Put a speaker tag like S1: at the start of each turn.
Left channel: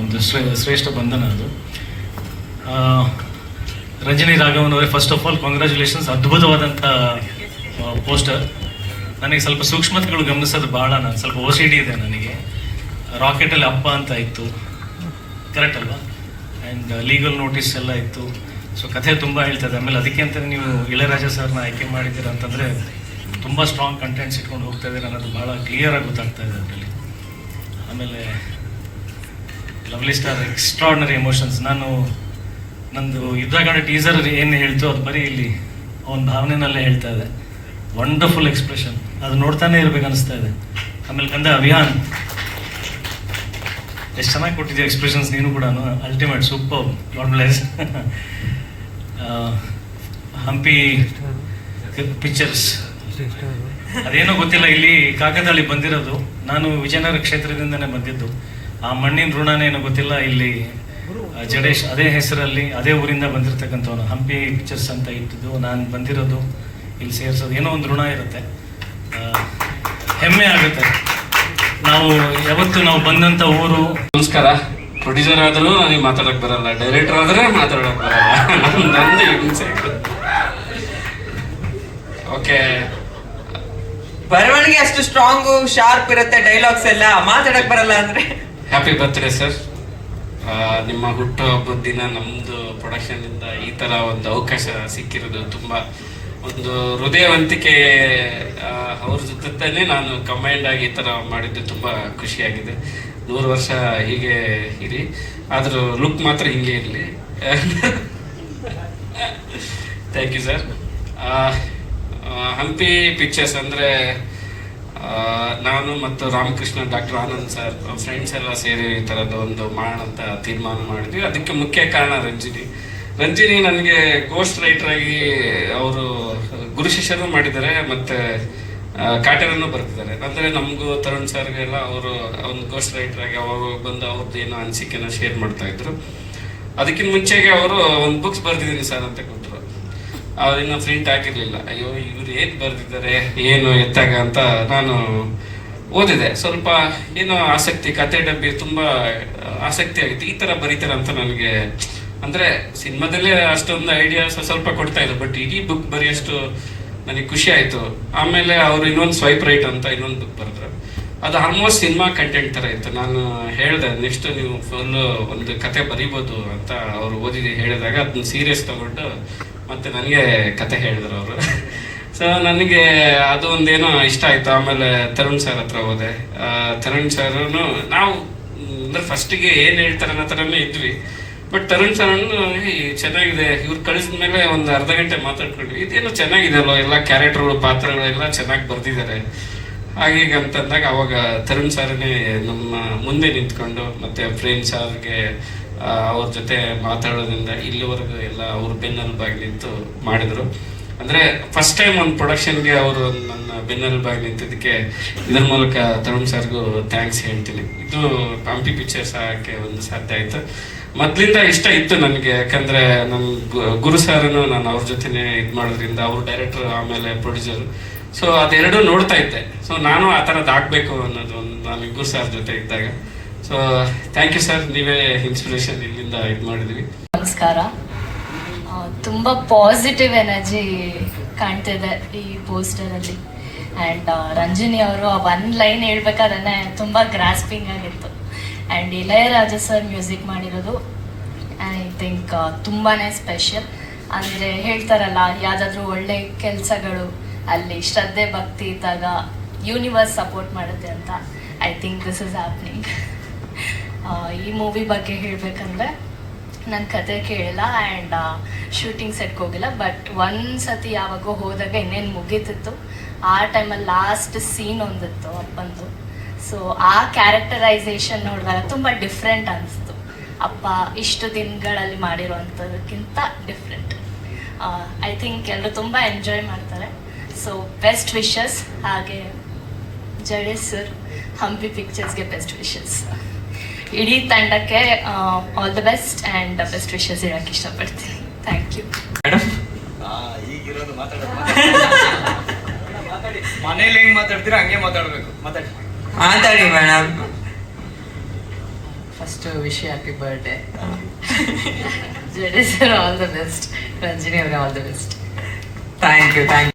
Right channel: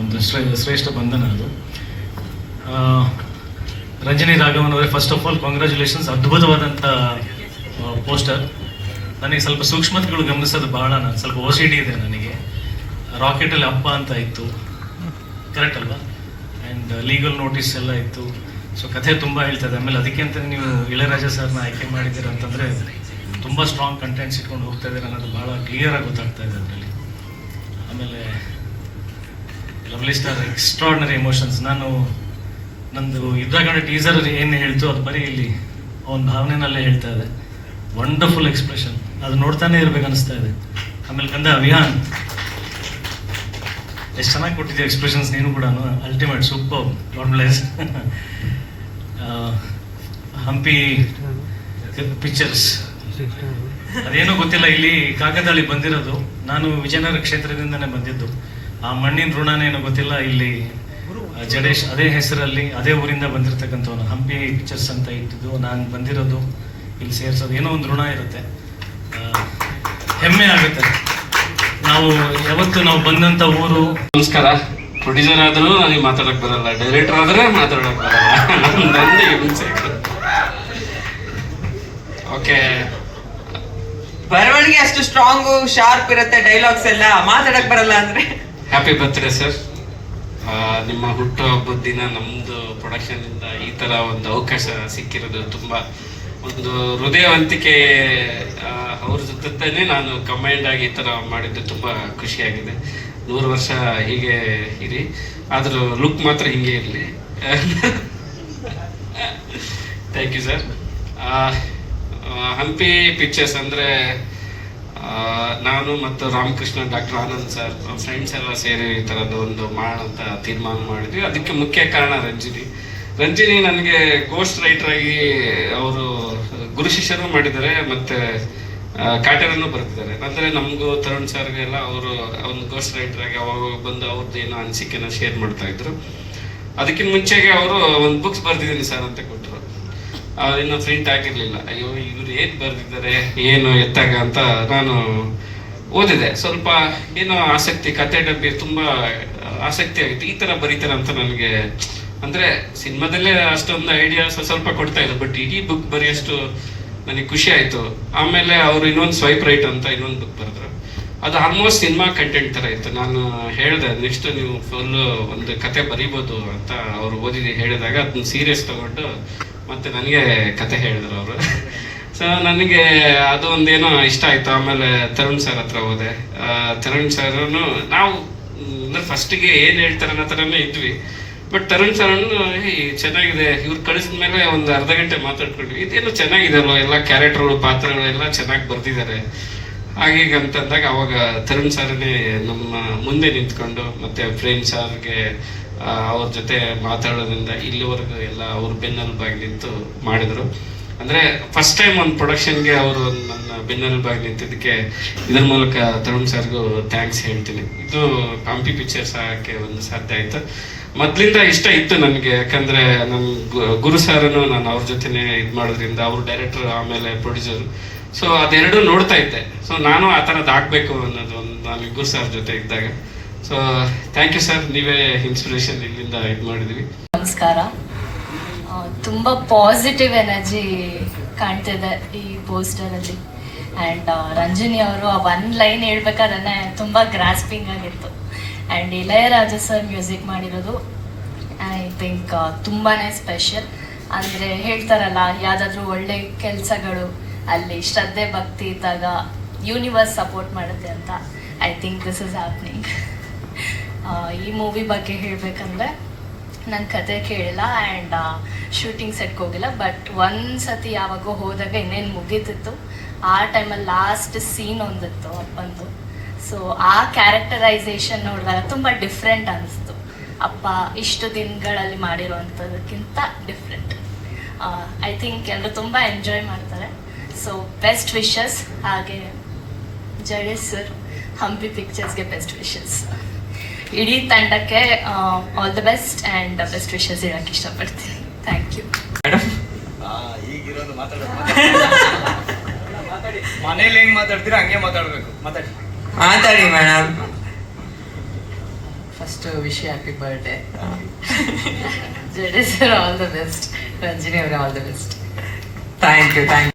S1: ಒಂದು ಶ್ರೇ- ಶ್ರೇಷ್ಠ ಬಂಧನ ಅದು. ರಂಜನಿ ರಾಘವನ್ ಅವರೇ ಫಸ್ಟ್ ಆಫ್ ಆಲ್ ಕಾಂಗ್ರ್ಯಾಚುಲೇಷನ್ಸ್ ಅದ್ಭುತವಾದಂಥ ಪೋಸ್ಟರ್ ನನಗೆ ಸ್ವಲ್ಪ ಸೂಕ್ಷ್ಮತೆಗಳು ಗಮನಿಸೋದು ಭಾಳ ನಾನು ಸ್ವಲ್ಪ ಓ ಇದೆ ನನಗೆ. ರಾಕೆಟಲ್ಲಿ ಅಪ್ಪ ಅಂತ ಇತ್ತು. ಕರೆಕ್ಟ್ ಅಲ್ವಾ? ಆ್ಯಂಡ್ ಲೀಗಲ್ ನೋಟಿಸ್ ಎಲ್ಲ ಇತ್ತು. ಸೊ ಕಥೆ ತುಂಬ ಹೇಳ್ತದೆ ಆಮೇಲೆ ಅದಕ್ಕೆ ಅಂತ ನೀವು ಇಳಯರಾಜ ಸರ್ನ ಆಯ್ಕೆ ಮಾಡಿದ್ದೀರ ಅಂತಂದರೆ, ತುಂಬ ಸ್ಟ್ರಾಂಗ್ ಕಂಟೆಂಟ್ಸ್ ಇಟ್ಕೊಂಡು ಹೋಗ್ತಾ ಇದ್ದೀರ ಅನ್ನೋದು ಭಾಳ ಕ್ಲಿಯರಾಗಿ ಗೊತ್ತಾಗ್ತಾ ಇದೆ ಅದರಲ್ಲಿ. ಆಮೇಲೆ ಲವ್ಲಿ ಸ್ಟಾರ್ ಎಕ್ಸ್ಟ್ರಾರ್ಡಿನರಿ ಎಮೋಷನ್ಸ್ ನಾನು ನಂದು ಯುದ್ಧಗಾಂಡ ಟೀಸರ್ ಏನು ಹೇಳ್ತು ಅದು ಬರೀ ಇಲ್ಲಿ ಅವನ ಭಾವನೆನಲ್ಲೇ ಹೇಳ್ತಾ ಇದೆ ವಂಡರ್ಫುಲ್ ಎಕ್ಸ್ಪ್ರೆಷನ್ ಅದು ನೋಡ್ತಾನೆ ಇರ್ಬೇಕು ಅನಿಸ್ತಾ ಇದೆ. ಆಮೇಲೆ ಗಂಧ ಅಭಿಯಾನ್. ಎಷ್ಟು ಚೆನ್ನಾಗಿ ಕೊಟ್ಟಿದ್ದೀವಿ ಎಕ್ಸ್ಪ್ರೆಷನ್ಸ್ ನೀನು ಕೂಡ ultimate super dot Hampi pictures ಅದೇನೋ ಗೊತ್ತಿಲ್ಲ, ಇಲ್ಲಿ ಕಾಗದಳ್ಳಿ ಬಂದಿರೋದು. ನಾನು ವಿಜಯನಗರ ಕ್ಷೇತ್ರದಿಂದನೇ ಬಂದಿದ್ದು. ಆ ಮಣ್ಣಿನ ಋಣನೇ ಏನೋ ಗೊತ್ತಿಲ್ಲ ಇಲ್ಲಿ ಜಡೇಶ್ ಅದೇ ಹೆಸರಲ್ಲಿ ಅದೇ ಊರಿಂದ ಬಂದಿರತಕ್ಕಂಥವ್ರು ಹಂಪಿ ಪಿಕ್ಚರ್ಸ್ ಅಂತ ಇಟ್ಟಿದ್ದು ನಾನು ಬಂದಿರೋದು ಇಲ್ಲಿ ಸೇರಿಸೋದು. ಏನೋ ಒಂದು ಋಣ ಇರುತ್ತೆ. ಹೆಮ್ಮೆ ಆಗುತ್ತೆ. ನಾವು ಯಾವತ್ತು ನಾವು ಬಂದಂಥ ಊರು
S2: ನಮಸ್ಕಾರ. ಪ್ರೊಡ್ಯೂಸರ್ ಆದರೂ ನನಗೆ ಮಾತಾಡಕ್ ಬರಲ್ಲ. ಡೈರೆಕ್ಟರ್ ಆದ್ರೆ ಮಾತಾಡಕ್ ಬರಲ್ಲ. ನಂದು ಓಕೆ
S3: ಬರವಣಿಗೆ ಅಷ್ಟು ಸ್ಟ್ರಾಂಗ್ ಶಾರ್ಪ್ ಇರುತ್ತೆ ಡೈಲಾಗ್ಸ್ ಎಲ್ಲ. ಮಾತಾಡಕ್ ಬರಲ್ಲ ಅಂದ್ರೆ.
S2: ಹ್ಯಾಪಿ ಬರ್ತ್ಡೇ ಸರ್ ನಿಮ್ಮ ಹುಟ್ಟು ಹಬ್ಬದ ದಿನ ನಮ್ಮದು ಪ್ರೊಡಕ್ಷನ್ ಇಂದ ಈ ತರ ಒಂದು ಅವಕಾಶ ಸಿಕ್ಕಿರೋದು ತುಂಬಾ ಒಂದು ಹೃದಯವಂತಿಕೆ ಅವ್ರ ಜೊತೆ ನಾನು ಕಂಬೈಂಡ್ ಆಗಿ ಈ ಥರ ಮಾಡಿದ್ದು ತುಂಬಾ ಖುಷಿಯಾಗಿದೆ. ನೂರು ವರ್ಷ ಹೀಗೆ ಇರಿ. ಆದರೂ ಲುಕ್ ಮಾತ್ರ ಹಿಂಗೆ ಇರಲಿ. Thank you sir Hampi pictures ಅಂದ್ರೆ ನಾನು ಮತ್ತು Ramakrishna, doctor Anand sir friends ಎಲ್ಲ ಸೇರಿ ಈ ಥರದ್ದು ಒಂದು ಮಾಡೋಣ ಅಂತ ತೀರ್ಮಾನ ಮಾಡಿದ್ವಿ. ಅದಕ್ಕೆ ಮುಖ್ಯ ಕಾರಣ ರಂಜಿನಿ. ರಂಜಿನಿ ನನಗೆ ಗೋಸ್ಟ್ ರೈಟರ್ ಆಗಿ ಅವರು ಗುರು ಶಿಷ್ಯರು ಮಾಡಿದ್ದಾರೆ ಮತ್ತೆ ಕಾಟರನ್ನು ಬರ್ತಿದ್ದಾರೆ ಅಂದರೆ ನಮಗೂ ತರುಣ್ ಸರ್ಗೆಲ್ಲ ಅವರು ಒಂದು ಗೋಸ್ಟ್ ರೈಟರ್ ಆಗಿ ಅವಾಗ ಬಂದು ಅವ್ರದ್ದು ಏನೋ ಅನಿಸಿಕೆನ ಶೇರ್ ಮಾಡ್ತಾ ಇದ್ರು. ಅದಕ್ಕಿಂತ ಮುಂಚೆಗೆ ಅವರು ಒಂದು ಬುಕ್ಸ್ ಬರ್ದಿದ್ದೀನಿ ಸರ್ ಅಂತ ಕೊಟ್ಟರು. ಇನ್ನೂ ಪ್ರಿಂಟ್ ಆಗಿರಲಿಲ್ಲ. ಅಯ್ಯೋ, ಇವ್ರು ಏನು ಬರ್ದಿದ್ದಾರೆ, ಏನು ಎತ್ತಾಗ ಅಂತ ನಾನು ಓದಿದೆ. ಸ್ವಲ್ಪ ಏನೋ ಆಸಕ್ತಿ ಕತೆ ಡಬ್ಬಿ ತುಂಬಾ ಆಸಕ್ತಿ ಆಗಿತ್ತು ಈ ತರ ಬರೀತಾರೆ ಅಂತ ನನಗೆ, ಅಂದ್ರೆ ಸಿನಿಮಾದಲ್ಲೇ ಅಷ್ಟೊಂದು ಐಡಿಯಾಸ್ ಸ್ವಲ್ಪ ಕೊಡ್ತಾ ಇಲ್ಲ. ಬಟ್ ಇಡೀ ಬುಕ್ ಬರೆಯಷ್ಟು ನನಗೆ ಖುಷಿ ಆಯ್ತು. ಆಮೇಲೆ ಅವ್ರು ಇನ್ನೊಂದು ಸ್ವೈಪ್ ರೈಟ್ ಅಂತ ಇನ್ನೊಂದು ಬುಕ್ ಬರೆದ್ರು. ಅದು ಆಲ್ಮೋಸ್ಟ್ ಸಿನಿಮಾ ಕಂಟೆಂಟ್ ತರ ಇತ್ತು. ನಾನು ಹೇಳ್ದೆ ನೆಕ್ಸ್ಟ್ ನೀವು ಫುಲ್ ಒಂದು ಕತೆ ಬರೀಬೋದು ಅಂತ ಅವ್ರು ಓದಿ ಹೇಳಿದಾಗ ಅದನ್ನ ಸೀರಿಯಸ್ ತಗೊಂಡು ಮತ್ತೆ ನನಗೆ ಕತೆ ಹೇಳಿದ್ರು ಅವರು. ಸೊ ನನಗೆ ಅದು ಒಂದೇನೋ ಇಷ್ಟ ಆಯ್ತು. ಆಮೇಲೆ ತರುಣ್ ಸರ್ ಹತ್ರ ಹೋದೆ. ತರುಣ್ ಸರ್ ನಾವು, ಅಂದ್ರೆ ಫಸ್ಟಿಗೆ ಏನ್ ಹೇಳ್ತಾರೆ ಅನ್ನೋ ಥರನೇ ಇದ್ವಿ. ಬಟ್ ತರುಣ್ ಸರ್ ಚೆನ್ನಾಗಿದೆ. ಇವ್ರು ಕಳಿಸಿದ ಮೇಲೆ ಒಂದು ಅರ್ಧ ಗಂಟೆ ಮಾತಾಡ್ಕೊಂಡ್ವಿ. ಇದೇನು ಚೆನ್ನಾಗಿದೆ ಅಲ್ವಾ ಎಲ್ಲ ಕ್ಯಾರೆಕ್ಟರ್ಗಳು ಪಾತ್ರಗಳು ಎಲ್ಲ ಚೆನ್ನಾಗಿ ಬರ್ದಿದ್ದಾರೆ ಹಾಗೀಗ ಅಂತಂದಾಗ ಅವಾಗ ತರುಣ್ ಸರ್ನೇ ನಮ್ಮ ಮುಂದೆ ನಿಂತ್ಕೊಂಡು ಮತ್ತೆ ಪ್ರೇಮ್ ಸರ್ಗೆ ಅವ್ರ ಜೊತೆ ಮಾತಾಡೋದ್ರಿಂದ ಇಲ್ಲಿವರೆಗೂ ಎಲ್ಲ ಅವ್ರ ಬೆನ್ನೆಲುಬಾಗಿ ನಿಂತು ಮಾಡಿದ್ರು. ಅಂದ್ರೆ ಫಸ್ಟ್ ಟೈಮ್ ಒಂದು ಪ್ರೊಡಕ್ಷನ್ಗೆ ಅವರು ನನ್ನ ಬೆನ್ನೆಲುಬಾಗಿ ನಿಂತಿದ್ದಕ್ಕೆ ಇದರ ಮೂಲಕ ತರುಣ್ ಸರ್ಗೂ ಥ್ಯಾಂಕ್ಸ್ ಹೇಳ್ತೀನಿ. ಇದು ಕಾಂಪಿ ಪಿಕ್ಚರ್ಸ್ ಹಾಕಕ್ಕೆ ಒಂದು ಸಾಧ್ಯ ಆಯ್ತು. ಮೊದ್ಲಿಂದ ಇಷ್ಟ ಇತ್ತು ನನಗೆ, ಯಾಕಂದ್ರೆ ನಮ್ಮ ಗುರು ಸಾರನು ನಾನು ಅವ್ರ ಜೊತೆನೆ ಇದ್ ಮಾಡೋದ್ರಿಂದ ಅವ್ರು ಡೈರೆಕ್ಟರ್ ಆಮೇಲೆ ಪ್ರೊಡ್ಯೂಸರ್ ಸೊ ಅದೆರಡು ನೋಡ್ತಾ ಇದ್ದೆ. ಸೊ ನಾನು ಆ ಥರದ್ದು ಹಾಕ್ಬೇಕು ಅನ್ನೋದು ನಾನು ಗುರು ಸರ್ ಜೊತೆ ಇದ್ದಾಗ. ಸೊ ಥ್ಯಾಂಕ್ ಯು ಸರ್ ನೀವೇ ಇನ್ಸ್ಪಿರೇಷನ್ ಇಲ್ಲಿಂದ ಇದು ಮಾಡಿದ್ರಿ.
S4: ನಮಸ್ಕಾರ. ತುಂಬಾ ಪಾಸಿಟಿವ್ ಎನರ್ಜಿ ಕಾಣ್ತಿದೆ ಈ ಪೋಸ್ಟರ್ ಅಲ್ಲಿ. ಅಂಡ್ ರಂಜನಿ ಅವರು ಒನ್ ಲೈನ್ ಹೇಳ್ಬೇಕಾದ್ರೆ ತುಂಬಾ ಗ್ರಾಸ್ಪಿಂಗ್ ಆಗಿತ್ತು. ಅಂಡ್ ಇಳಯರಾಜ ಸರ್ ಮ್ಯೂಸಿಕ್ ಮಾಡಿರೋದು ಐ ಥಿಂಕ್ ತುಂಬಾನೇ ಸ್ಪೆಷಲ್ ಅಂದ್ರೆ ಹೇಳ್ತಾರಲ್ಲ, ಯಾವ್ದಾದ್ರು ಒಳ್ಳೆ ಕೆಲಸಗಳು, ಅಲ್ಲಿ ಶ್ರದ್ಧೆ, ಭಕ್ತಿ ಇದ್ದಾಗ ಯೂನಿವರ್ಸ್ ಸಪೋರ್ಟ್ ಮಾಡುತ್ತೆ ಅಂತ. I think this is happening ಈ ಮೂವಿ ಬಗ್ಗೆ ಹೇಳ್ಬೇಕಂದ್ರೆ ನನ್ನ ಕತೆ ಕೇಳಿಲ್ಲ ಆ್ಯಂಡ್ ಶೂಟಿಂಗ್ ಸೆಟ್ಗೆ ಹೋಗಿಲ್ಲ ಬಟ್ ಒಂದು ಸತಿ ಯಾವಾಗೋ ಹೋದಾಗ ಇನ್ನೇನು ಮುಗೀತಿತ್ತು. ಆ ಟೈಮಲ್ಲಿ ಲಾಸ್ಟ್ ಸೀನ್ ಒಂದಿತ್ತು ಅಪ್ಪಂದು ಸೊ ಆ ಕ್ಯಾರೆಕ್ಟರೈಸೇಷನ್ ನೋಡಿದಾಗ ತುಂಬ ಡಿಫ್ರೆಂಟ್ ಅನಿಸ್ತು. ಅಪ್ಪ, ಇಷ್ಟು ದಿನಗಳಲ್ಲಿ ಮಾಡಿರುವಂಥದಕ್ಕಿಂತ ಡಿಫ್ರೆಂಟ್ ಐ ಥಿಂಕ್ ಎಲ್ಲರೂ ತುಂಬ ಎಂಜಾಯ್ ಮಾಡ್ತಾರೆ. ಸೊ ಬೆಸ್ಟ್ ವಿಶಸ್ ಹಾಗೆ ಜಡೇಶ್ ಸರ್ ಹಂಪಿ ಪಿಕ್ಚರ್ಸ್ಗೆ ಬೆಸ್ಟ್ ವಿಶಸ್ ಇಡೀ ತಂಡಕ್ಕೆ all the best and best wishes ಇಡೋಕ್ಕೆ ಇಷ್ಟಪಡ್ತೀನಿ. ಥ್ಯಾಂಕ್ ಯು
S5: ಮನೇಲಿ ಹೆಂಗ್ ಮಾತಾಡ್ತೀರಾ? ಹಂಗೆ ಮಾತಾಡ್ಬೇಕು. ಮಾತಾಡಿ.
S3: ಮಾತಾಡಿ madam
S6: first wish happy birthday
S7: Jadesh sir all the best Ranjini ಅವರ all the best
S3: thank you thank